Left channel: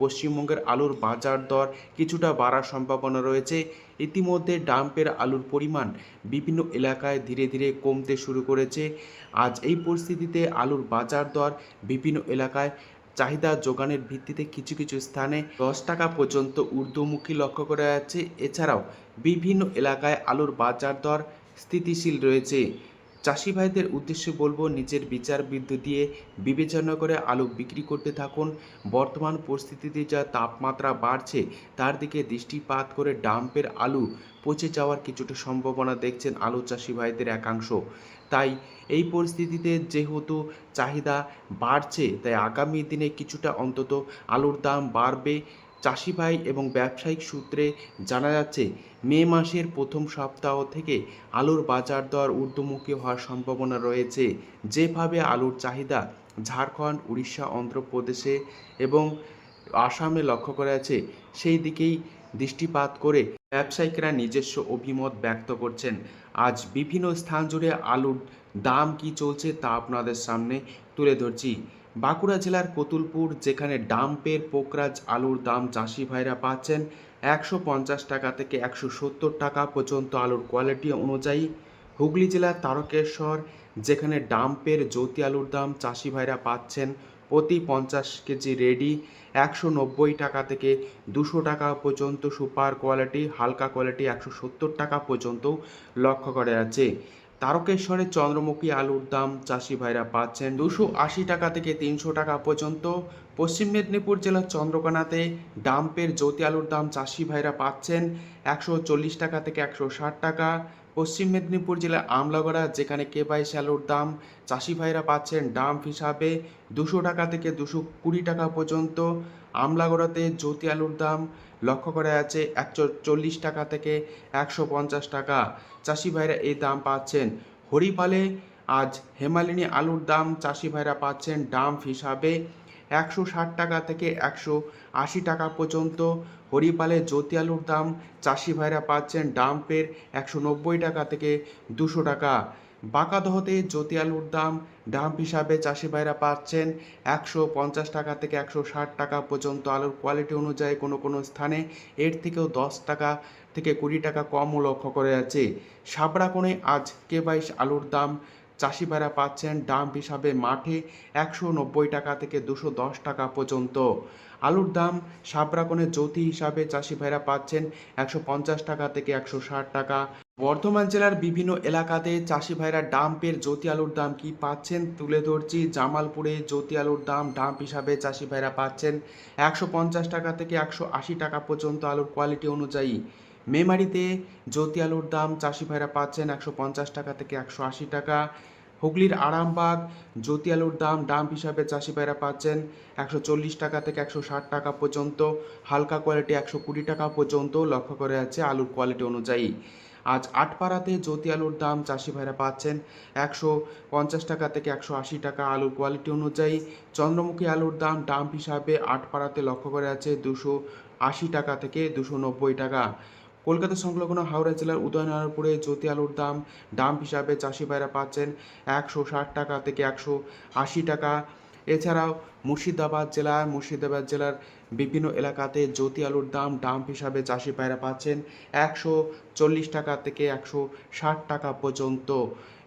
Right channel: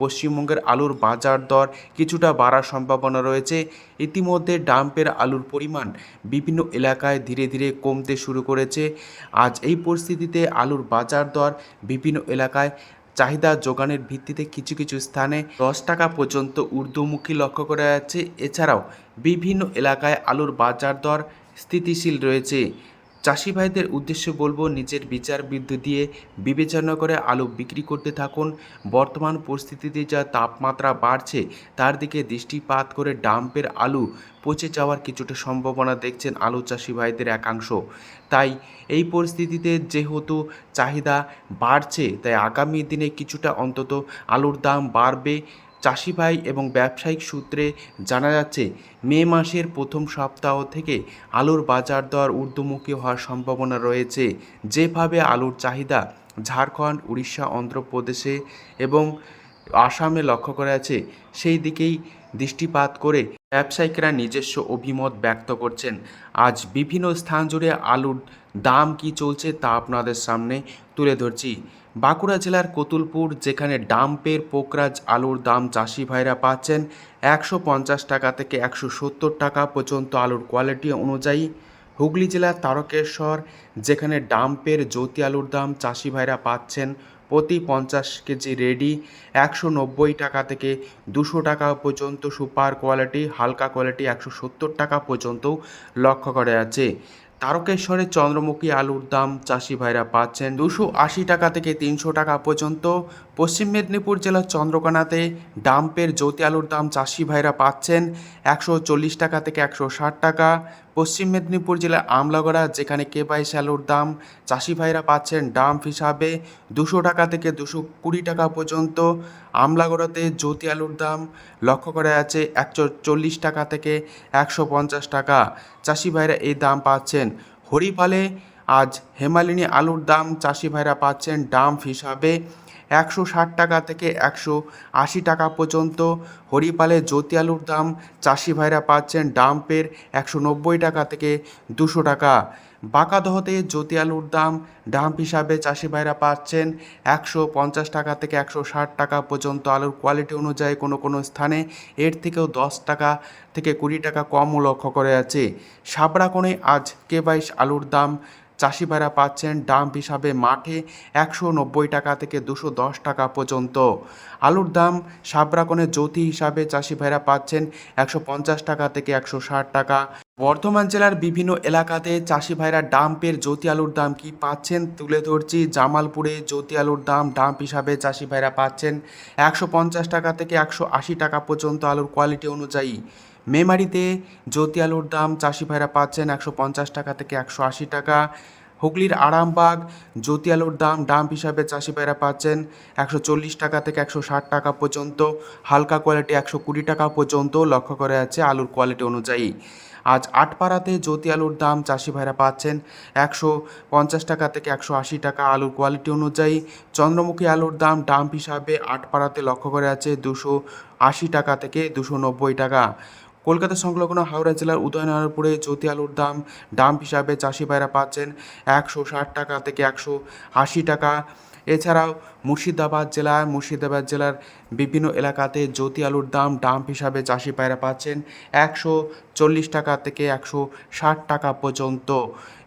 পশ্চিমবঙ্গের আলুর বাজার দর কিছুটা বাড়ার সম্ভাবনা রয়েছে। ইতিমধ্যে ডাম্পের আলুর পরিমাণ বিভিন্ন এলাকায় ধীরে ধীরে কমতে শুরু করেছে। আজ এই পরিস্থিতিতে আলুর বাজার দর বিভিন্ন এলাকায় চাহিদা যোগানের ভিত্তিতে কিছু কিছু স্থানে 10 টাকা পর্যন্ত ঊর্ধ্বমুখী লক্ষ্য করা যাচ্ছে। এছাড়াও বিভিন্ন এলাকায় আলুর বাজার দর স্থিতিশীল রয়েছে। চাষি ভাইদের উদ্দেশ্যে বলবো, নিজের বিচার বুদ্ধি দিয়ে বিবেচনা করে আলু বিক্রি করতে থাকুন। বর্তমান পরিস্থিতিতে যা তাপমাত্রা বাড়ছে তার দিকে দৃষ্টিপাত করে ডাম্পের আলু পচে যাওয়ার কিছুটা সম্ভাবনা দেখছেন আলু চাষি ভাইদের একাংশ। তাই এই পরিস্থিতিতে যেহেতু চাহিদা বাড়ছে, তাই আগামী দিনে কিছুটা অন্তত আলুর দাম বাড়বে। চাষি ভাই এবং ব্যবসায়িক সূত্রে জানা যাচ্ছে, মে মাসের প্রথম সপ্তাহ থেকে আলুর বাজার দর ঊর্ধ্বমুখী হওয়ার সম্ভাবনা রয়েছে। যেভাবে আলুর চাহিদা ঝাড়খণ্ড, উড়িষ্যা, অন্ধ্রপ্রদেশে এবং আসামে লক্ষ্য করা যাচ্ছে, সেই দিকেই দৃষ্টিপাত করে ব্যবসায়িকরা নিজস্ব অভিমত ব্যক্ত করছেন। আজ বিভিন্ন স্থান জুড়ে আলুর দাম কি চলছে তা আপনাদের সামনে তুলে ধরছি। বাঁকুড়া জেলার কতুলপুর, যেখানে ডাম্পের পোকরাজ আলুর দাম চাষি ভাইরা পাচ্ছেন 150 টাকা থেকে 170 টাকা পর্যন্ত আলুর কোয়ালিটি অনুযায়ী। হুগলি জেলার তারকেশ্বর, যেখানে ডাম্পের জ্যোতি আলুর দাম চাষি ভাইরা পাচ্ছেন প্রতি 50 কেজি রেডি 190 টাকা থেকে 200 টাকা পর্যন্ত। সুপার কোয়ালিটি, হালকা কোয়ালিটি 170 টাকা পর্যন্তও লক্ষ্য করা যাচ্ছে। তারকেশ্বরের চন্দ্রমুখী আলুর দাম চাষি ভাইরা পাচ্ছেন 280 টাকা থেকে 300 টাকা পর্যন্ত। পশ্চিম মেদিনীপুর জেলার চন্দ্রকোনাতে ডাম্পের জ্যোতি আলুর দাম চাষি ভাইরা পাচ্ছেন 140 টাকা থেকে 160 টাকা। পশ্চিম মেদিনীপুর জেলার আমলাগড়া, যেখানে কে22 আলুর দাম চাষি ভাইরা পাচ্ছেন ডাম্প হিসাবে 200 টাকা থেকে 220 টাকা পর্যন্ত। আমলাগড়াতে জ্যোতি আলুর দাম লক্ষ্য করা যাচ্ছে 140 টাকা থেকে 150 টাকা। চাষি ভাইরা এই দাম পাচ্ছেন। হরিপালে আজ হেমালিনী আলুর দাম চাষি ভাইরা পাচ্ছেন ডাম্প হিসাবে 160 টাকা থেকে 180 টাকা পর্যন্ত। হরিপালে জ্যোতি আলুর দাম চাষি ভাইরা পাচ্ছেন ডাম্পের 190 টাকা থেকে 200 টাকা। বাঁকাদহতে জ্যোতি আলুর দাম ডাম্প হিসাবে চাষি ভাইরা পাচ্ছেন 150 টাকা থেকে 160 টাকা পর্যন্ত। আলুর কোয়ালিটি অনুযায়ী কোনো কোনো স্থানে এর থেকেও 10 টাকা থেকে 20 টাকা কমও লক্ষ্য করা যাচ্ছে। সাবড়াকোণে আজ কে22 আলুর দাম চাষি ভাইরা পাচ্ছেন ডাম্প হিসাবে মাঠে 190 টাকা থেকে 210 টাকা পর্যন্ত। আলুর দাম সাবড়াকোণে জ্যোতি হিসাবে চাষি ভাইরা পাচ্ছেন 150 টাকা থেকে 160 টাকা। বর্ধমান জেলার বিভিন্ন এলাকাতে চাষি ভাইরা ডাম্পের জ্যোতি আলুর দাম কি পাচ্ছেন তুলে ধরছি। জামালপুরে জ্যোতি আলুর দাম ডাম্প হিসাবে চাষি ভাইরা পাচ্ছেন 150 টাকা থেকে 180 টাকা পর্যন্ত আলুর কোয়ালিটি অনুযায়ী। মেমারিতে জ্যোতি আলুর দাম চাষি ভাইরা পাচ্ছেন 150 টাকা থেকে 180 টাকা। হুগলির আরামবাগ জ্যোতি আলুর দাম ডাম্প হিসাবে চাষি ভাইরা পাচ্ছেন 140 টাকা থেকে 160 টাকা পর্যন্ত। হালকা কোয়ালিটি 120 টাকা পর্যন্ত লক্ষ্য করা যাচ্ছে আলুর কোয়ালিটি অনুযায়ী। আজ আটপাড়াতে জ্যোতি আলুর দাম চাষি ভাইরা পাচ্ছেন 150 টাকা থেকে 180 টাকা আলুর কোয়ালিটি অনুযায়ী। চন্দ্রমুখী আলুর দাম ডাম্প হিসাবে আটপাড়াতে লক্ষ্য করা যাচ্ছে 280 টাকা থেকে 290 টাকা। কলকাতা সংলগ্ন হাওড়া জেলার উদয়নারায়ণপুরে জ্যোতি আলুর দাম ডাম্প হিসাবে চাষি ভাইরা পাচ্ছেন 160 টাকা থেকে 180 টাকা। এছাড়াও মুর্শিদাবাদ জেলার বিভিন্ন এলাকাতে জ্যোতি আলুর দাম ডাম্প হিসাবে চাষি ভাইরা পাচ্ছেন 140 টাকা থেকে 160 টাকা পর্যন্ত।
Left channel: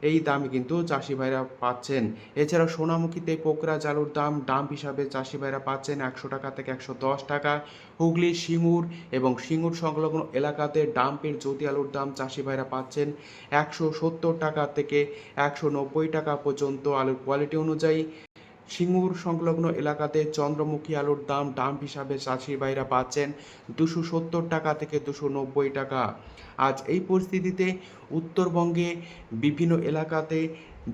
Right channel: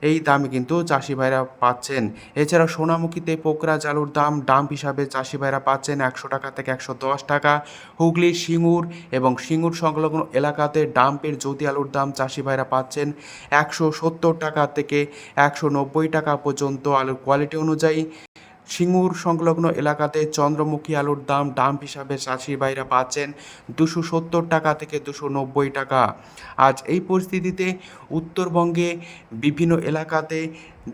এই দামে কিন্তু চাষি ভাইরা পাচ্ছেন। এছাড়াও সোনামুখীতে পোকরাজ আলুর দাম ডাম্প হিসাবে চাষি ভাইরা পাচ্ছেন 100 টাকা থেকে 110 টাকা। হুগলির সিঙ্গুর এবং সিঙ্গুর সংলগ্ন এলাকাতে ডাম্পের জ্যোতি আলুর দাম চাষি ভাইরা পাচ্ছেন 170 টাকা থেকে 190 টাকা পর্যন্ত আলুর কোয়ালিটি অনুযায়ী। সিঙ্গুর সংলগ্ন এলাকাতে চন্দ্রমুখী আলুর দাম ডাম্প হিসাবে চাষি ভাইরা পাচ্ছেন 270 টাকা থেকে 290 টাকা। আজ এই পরিস্থিতিতে উত্তরবঙ্গে বিভিন্ন এলাকাতে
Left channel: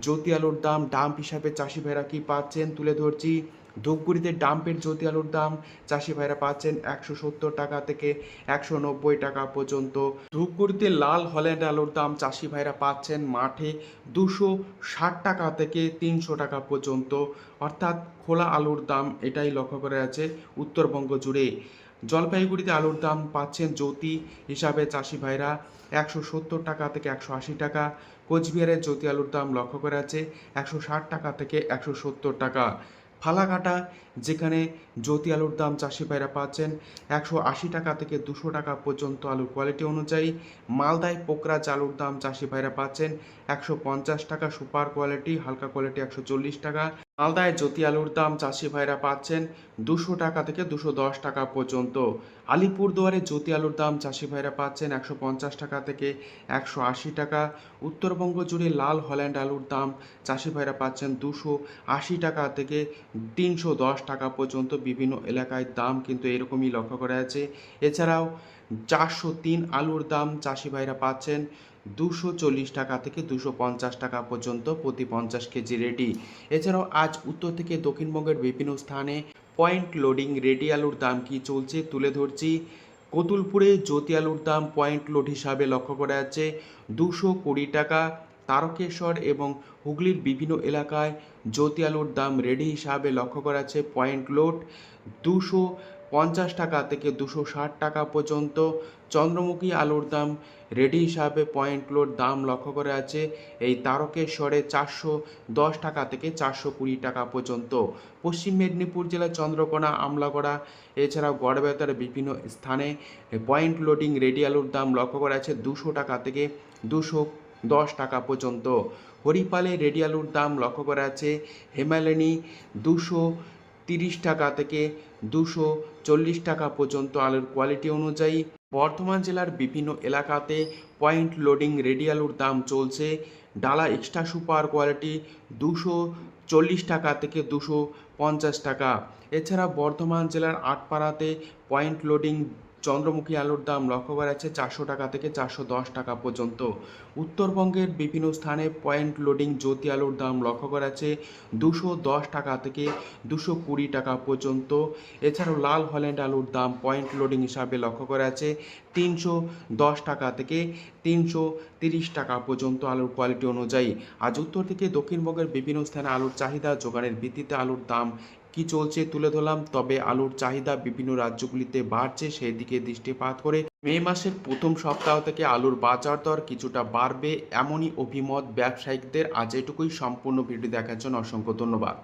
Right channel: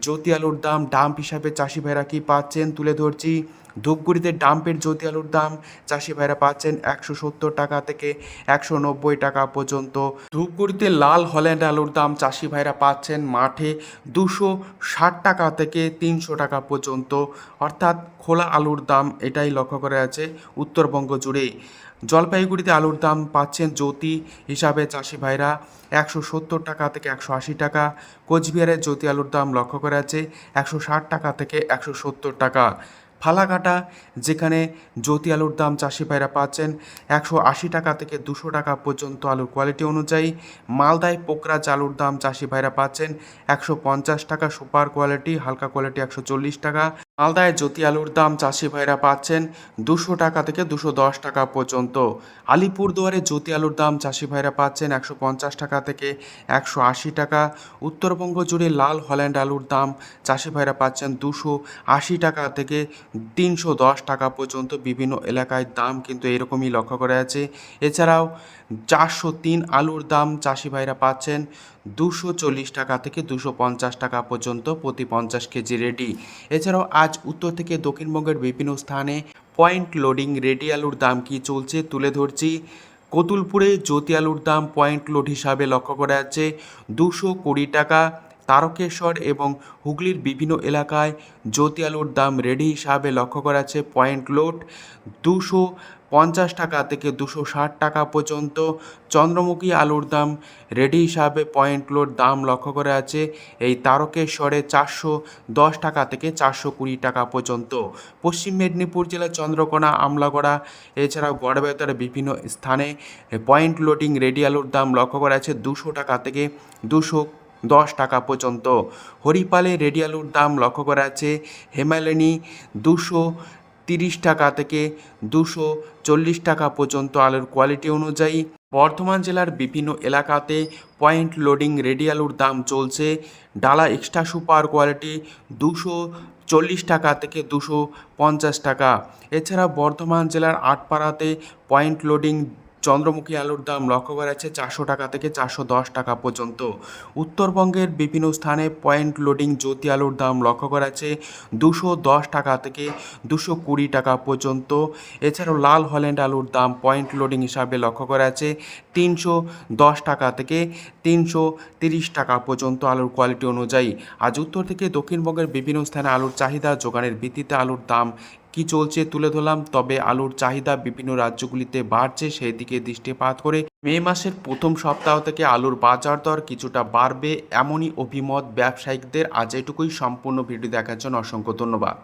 জ্যোতি আলুর দাম ডাম্প হিসাবে চাষি ভাইরা কি পাচ্ছেন তুলে ধরছি। ধূপগুড়িতে ডাম্পের জ্যোতি আলুর দাম চাষি ভাইরা পাচ্ছেন 170 টাকা থেকে 190 টাকা পর্যন্ত। ধূপগুড়িতে লাল হল্যান্ড আলুর দাম চাষি ভাইরা পাচ্ছেন মাঠে 260 টাকা থেকে 300 টাকা পর্যন্ত। অর্থাৎ খোলা আলুর দাম এটাই লক্ষ্য করা যাচ্ছে উত্তরবঙ্গ জুড়ে। জলপাইগুড়িতে আলুর দাম পাচ্ছেন জ্যোতি হিসাবে চাষি ভাইরা 170 টাকা থেকে 180 টাকা। কোচবিহারের জ্যোতি আলুর দাম লক্ষ্য করা যাচ্ছে 160 টাকা থেকে 170 টাকা। ফালাকাটা, যেখানে জ্যোতি আলুর দাম চাষি ভাইরা পাচ্ছেন 180 টাকা থেকে 200 টাকা পর্যন্ত আলুর কোয়ালিটি অনুযায়ী। মালদায় পোকরাজ আলুর দাম চাষি ভাইরা পাচ্ছেন 150 টাকা সুপার কোয়ালিটি, হালকা কোয়ালিটি 140 টাকা। মালদায় জ্যোতি আলুর দাম চাষি ভাইরা পাচ্ছেন 200 টাকা থেকে 210 টাকা পর্যন্ত। আলিপুরদুয়ারে জ্যোতি আলুর দাম চাষি ভাইরা পাচ্ছেন 150 টাকা থেকে 180 টাকা। উত্তরবঙ্গ জুড়ে লাল হল্যান্ড আলুর দাম চাষি ভাইরা পাচ্ছেন 280 টাকা থেকে 310 টাকা পর্যন্ত। বিভিন্ন এলাকায় দাম কিন্তু এরকমই লক্ষ্য করা যাচ্ছে। এছাড়াও 403 আলুর দাম চাষি ভাইরা পাচ্ছেন 240 টাকা থেকে 250 টাকা পর্যন্ত প্রতি 50 কেজি রেডি। এছাড়াও আজ উত্তর থেকে দক্ষিণবঙ্গের বিভিন্ন স্থানে পয়েন্ট লোডিং রেডি আলুর দাম কি চলছে তুলে ধরছি। কতুলপুরে জ্যোতি আলুর দাম পয়েন্ট লোড হিসাবে লক্ষ্য করা যাচ্ছে 220 টাকা। তারকেশ্বর এবং হুগলির বিভিন্ন এলাকায় জ্যোতি আলুর দাম রেডি হিসাবে লক্ষ্য করা যাচ্ছে পয়েন্ট লোড 250 টাকা থেকে 260 টাকা পর্যন্ত। চন্দ্রমুখী আলুর দাম রেডি হিসাবে পয়েন্ট লোড দাম লক্ষ্য করা আছে এই তারকেশ্বরে 410 টাকা থেকে 420 টাকা পর্যন্ত। পশ্চিম মেদিনীপুর জেলার চন্দ্রকোনা, আমলাগড়া, এছাড়াও গড়বেতার বিভিন্ন স্থানে পয়েন্ট লোডিং রেডি আলুর দাম লক্ষ্য করা আছে 200 টাকা থেকে 210 টাকা পর্যন্ত। হরিপালে রেডি আলুর দাম লক্ষ্য করা আছে হেমালিনী 230 টাকা থেকে 240 টাকা পর্যন্ত আলুর কোয়ালিটি অনুযায়ী। বর্ধমান জেলার বিভিন্ন এলাকাতে পয়েন্ট লোডিং রেডি আলুর দাম চলছে ডালা এক্সট্রা সুপার কোয়ালিটি 240 টাকা থেকে 250 টাকা। এছাড়া বর্ধমান জেলার আটপাড়াতে পয়েন্ট লোডিং চন্দ্রমুখী আলুর দাম লক্ষ্য করা যাচ্ছে 400 টাকা থেকে 410 টাকা পর্যন্ত। উত্তরবঙ্গের বিভিন্ন স্থানে পয়েন্ট লোডিং জ্যোতি আলুর দাম লক্ষ্য করা যাচ্ছে 210 টাকা থেকে 220 টাকা পর্যন্ত। এছাড়াও লাল হল্যান্ড আলুর দাম পয়েন্ট লোডিং হিসাবে লক্ষ্য করা যাচ্ছে 310 টাকা থেকে 330 টাকা পর্যন্ত আলুর কোয়ালিটি অনুযায়ী। আজ উত্তর থেকে দক্ষিণবঙ্গের বিভিন্ন স্থানে আলুর চাহিদা যোগানের ভিত্তিতে আলুর দাম কি চলছে তুলে ধরলাম। তবে আলুর চাহিদা বিভিন্ন রাজ্যগুলিতে বাড়ছে, সেই দিকে দৃষ্টিপাত করে মে মাসের প্রথম সপ্তাহ থেকে আলুর বাজার দর কিছুটা বাড়বে এমনই অভিমত ব্যবসায়িকদের। আজ এটুকুই। সম্পূর্ণ ভিডিও দেখার জন্য অসংখ্য ধন্যবাদ।